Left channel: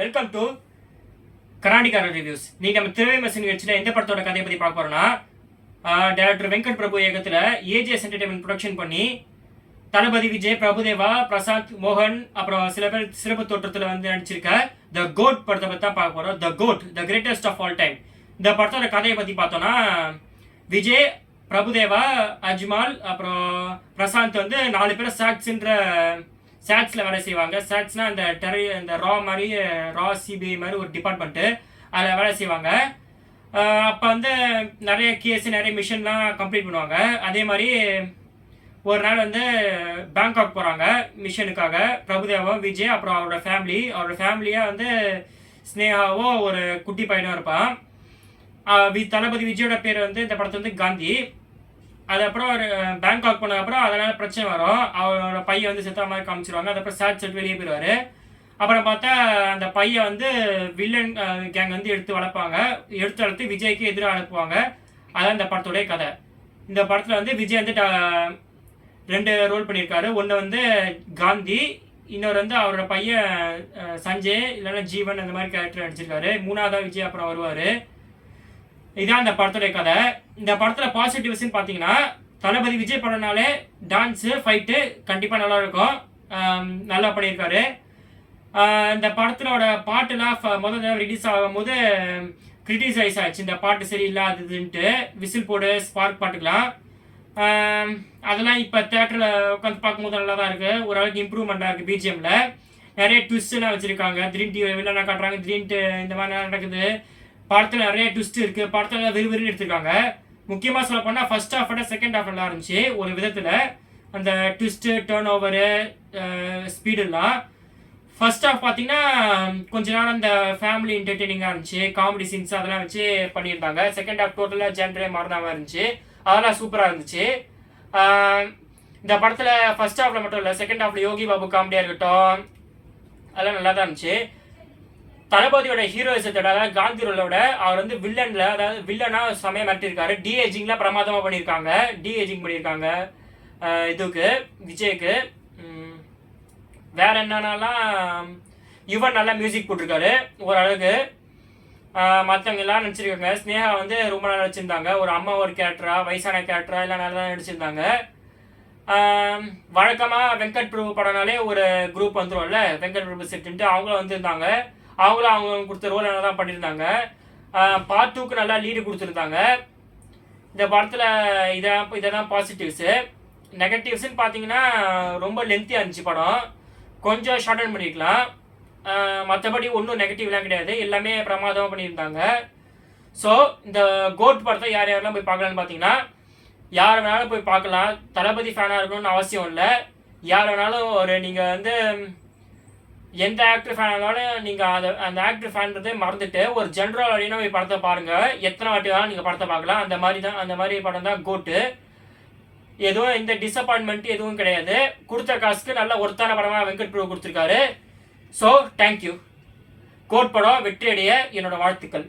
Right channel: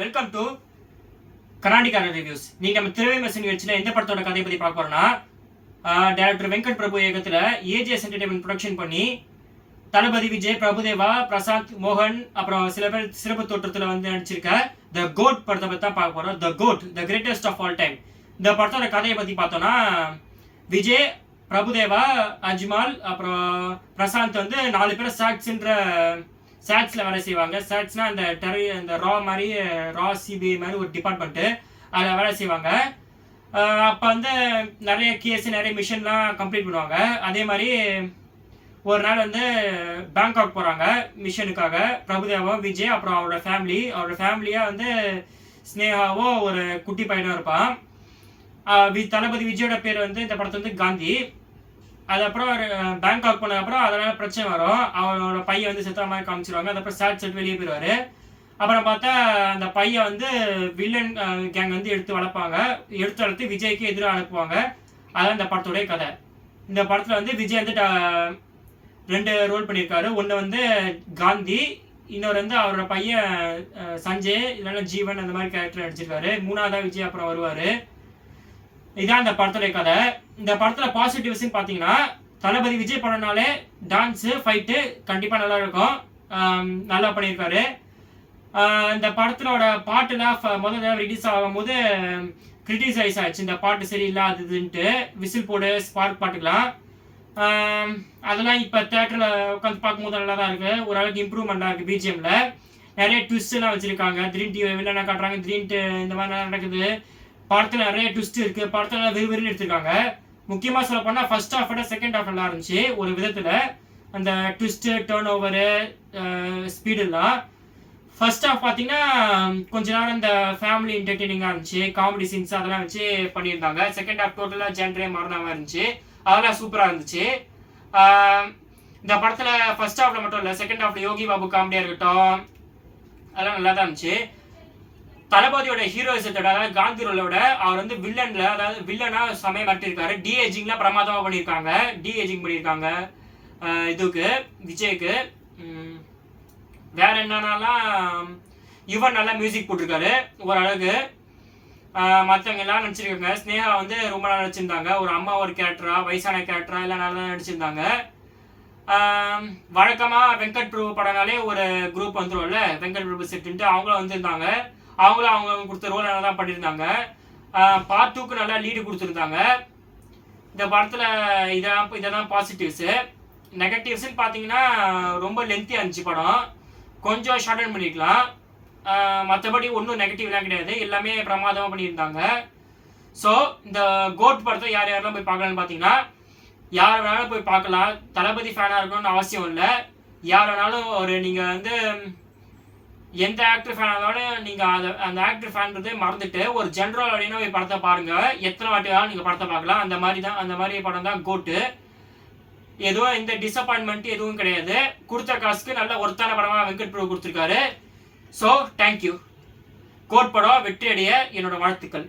Welcome to கர்நாடிகா reviews. நீங்க நம்ம திரை மெஷின் நிகழ்ச்சியில் எந்த படத்தோட கதையை பற்றி பார்க்க போறோம்னா, டைரக்டர் வெங்கட் பிரபு இயக்கத்தில் ஏஜிஎஸ் என்டர்டைன்மெண்ட் ப்ரொடக்ஷன் பண்ணி தளபதி விஜய், பிரபுதேவா, பிரசாந்த், மோகன் அப்புறம் சில பேர் சிறப்பு தோற்றத்தில் வந்து நடிச்சிருக்க த கோட் படத்தை பற்றி தான் பார்க்க போகிறோம். The GOAT, the greatest of all time. இந்த படத்தோட கதையை பற்றி பார்த்தோன்னா, விஜய், பிரபுதேவா, அஜ்மால் அப்புறம் பிரசாந்த் வந்து 4 பேர் சாட்ஸில் வேலை செய்வாங்க. சாட்ஸ்னால் இந்த ரா மாதிரி ரா சிபிஐ மாதிரி ஒரு டிபார்ட்மெண்ட்டு, அதில் வேலை செய்வாங்க. அப்போ வந்து நிறைய கேஸ், நிறைய மிஷன்லாம் கம்ப்ளீட் பண்ணுவாங்க. அதே மாதிரி ஒரு நாள் வந்து பேங்காக் போகிறாங்க மிஷனுக்காக. பிரபுதேவாவும் விஜய் அப்புறம் அவரோட ஃபேமிலியாக வந்து ஸ்னேகாவும் ஒரு குட்டி பையனும் இருப்பான். தளபதி விஜயோட பேர் வந்து இந்த படத்தை வந்து காந்தி. அதுக்கப்புறம் பேங்காக் போனதுக்கப்புறம் அதனால் பிரச்சனை வரும். அவரோட பையன் வந்து செத்த மாதிரி காமிச்சிருவாங்க. அதுக்கப்புறம் செட்டு வெளியே போயிடுவார். அப்புறம் பார்த்தா அந்த பையன் வந்து வில்லன் கேங் வந்து எடுத்து வளர்த்து விஜய்க்கு எதிராக அனுப்புவாங்க. அதான் இந்த படத்தோடைய கதை. இந்த படத்தில் வந்து விஜய் வந்து 2 ரோல் பண்ணியிருக்காரு. ஒன்று வந்து காந்தி, இன்னொரு வந்து அவரோட பையன் சஞ்சய் இல்லைன்னா ஜீவன், அந்த மாதிரி கேரக்டர் நடிச்சிருக்காரு. 3ஆவதாக விஜய் அப்புறம் வருவார். இதான் இந்த படத்துடைய கதை. இந்த படத்தில் பாசிட்டிவ்ஸ்ன்னு பார்த்தீங்கன்னா, தளபதி விஜய் படம்னாலே டான்ஸு, ஃபைட்டு கண்டிப்பாக நல்லா இருக்கும். நல்லா பண்ணியிருக்காரு. இந்த படத்தினோட பாட்டுலாம் முதல்ல ரிலீஸ் ஆகும்போது கிரிட்டிசைஸ் ஆச்சு. இந்த பாட்டு சரியில்லாததுன்ட்டு விசில் போடு ஸ்பார்க் பாட்டுக்கலாம். அதெல்லாம் இப்போ தேட்டரில் உட்காந்து பார்க்கும்போது நல்லா தான் இருக்குது. ஓரளவுக்கு இம்ப்ரூவ்மெண்ட்டாக இருக்குது. பிஜிஎம்மில் நிறைய ட்விஸ்ட்லாம் வச்சுருக்காங்க. த்ரீன் டிவி வில்லனா காட்டுறாங்க, த்ரீன்ட்டு இந்த மாதிரி நடக்குது. படத்தில் நிறைய ட்விஸ்ட் இருக்குது. படத்தில் விறுவிறுன்னு எடுத்துருக்காங்க. முக்கியமாக சொல்ல போனால் ஃபர்ஸ்ட் ஹாஃப் விட செகண்ட் ஹாஃப் நல்லா இருந்துச்சு ஒரு விதத்தில். அந்த ட்விஸ்ட்டு, டேர்ன் ஓவரு, ஸ்பீடுலாம். ஃபர்ஸ்ட் ஹாஃப் பார்த்தீங்கன்னா கொஞ்ச நேரம் இந்த ஃபேமிலி என்டர்டெய்னிங்காக இருந்துச்சு. காமெடி சீன்ஸ் அதெல்லாம் வச்சு பண்ணியிருந்தாங்க. செகண்ட் ஹாஃப் டோட்டலாக ஜென்ரே மாறின மாதிரி இருந்துச்சு. அதெல்லாம் சூப்பராக இருந்துச்சு. இந்த படத்தில் ஃபர்ஸ்ட் ஹாஃபில் மட்டும் இல்லை, செகண்ட் ஹாஃபில் யோகி பாபு காமெடியாக இருக்கட்டும், அதெல்லாம் நல்லா தான் இருந்துச்சு. தளபதியோட ஹீரோயிசத்தோட, அதாவது காந்தி ரோலோட அவர் வந்து வில்லனா சமயம் மாட்டிருக்காரு. டிஏஜிங்லாம் பிரமாதமாக பண்ணியிருக்காங்க. இதுக்கு விஜய்க்கு வேற என்னன்னாலாம் யுவன் நல்லா மியூசிக் போட்டிருக்காரு ஓரளவுக்கு. மற்றவங்க எல்லாம் நடிச்சிருக்காங்க. ஸ்னேகா வந்து ரொம்ப நல்லா நடிச்சிருந்தாங்க. ஒரு அம்மா ஒரு கேரக்டரா, வயசான கேரக்டரா எல்லாம் நல்லா தான் நடிச்சிருந்தாங்க. வழக்கமாக வெங்கட் பிரபு படம்னாலே ஒரு குரூப் வந்துடும்ல, வெங்கட் பிரபு செட்டுன்ட்டு அவங்களும் வந்திருந்தாங்க. அவங்க கொடுத்த ரோல் நல்லா தான் பண்ணியிருந்தாங்க. பார்ட் 2க்கு நல்லா லீடு கொடுத்துருந்தாங்க. இந்த படத்தில் இதெல்லாம் பாசிட்டிவ்ஸு. நெகட்டிவ்ஸ்ன்னு பார்த்தீங்கன்னா ரொம்ப லென்த்தியாக இருந்துச்சு படம். கொஞ்சம் ஷார்டன் பண்ணிக்கலாம். மற்றபடி ஒன்றும் நெகட்டிவ்லாம் கிடையாது. எல்லாமே பிரமாதமாக பண்ணியிருந்தாங்க. ஸோ இந்த கோட் படத்தை யாரெல்லாம் போய் பார்க்கலான்னு பார்த்தீங்கன்னா, யார் வேணாலும் போய் பார்க்கலாம். தளபதி ஃபேனாக இருக்கணும்னு அவசியம் இல்லை. யார் வேணாலும் நீங்கள் வந்து எந்த ஆக்டர் ஃபேனாலும் நீங்கள் அந்த ஆக்டர் ஃபேன்றதே மறந்துட்டு ஒரு ஜென்ரல் வழினா போய் படத்தை பாருங்கள். எத்தனை வாட்டி வேணாலும் நீங்கள் படத்தை பார்க்கலாம். அந்த மாதிரி படம் தான் கோட்டு. எதுவும் இந்த டிசப்பாயின்மெண்ட் எதுவும் கிடையாது. கொடுத்த காசுக்கு நல்ல ஒருத்தான படமாக வெங்கட் பிரபு கொடுத்துருக்காரு. So thank you. கோட் படம் வெற்றி அடைய என்னோட வாழ்த்துக்கள்.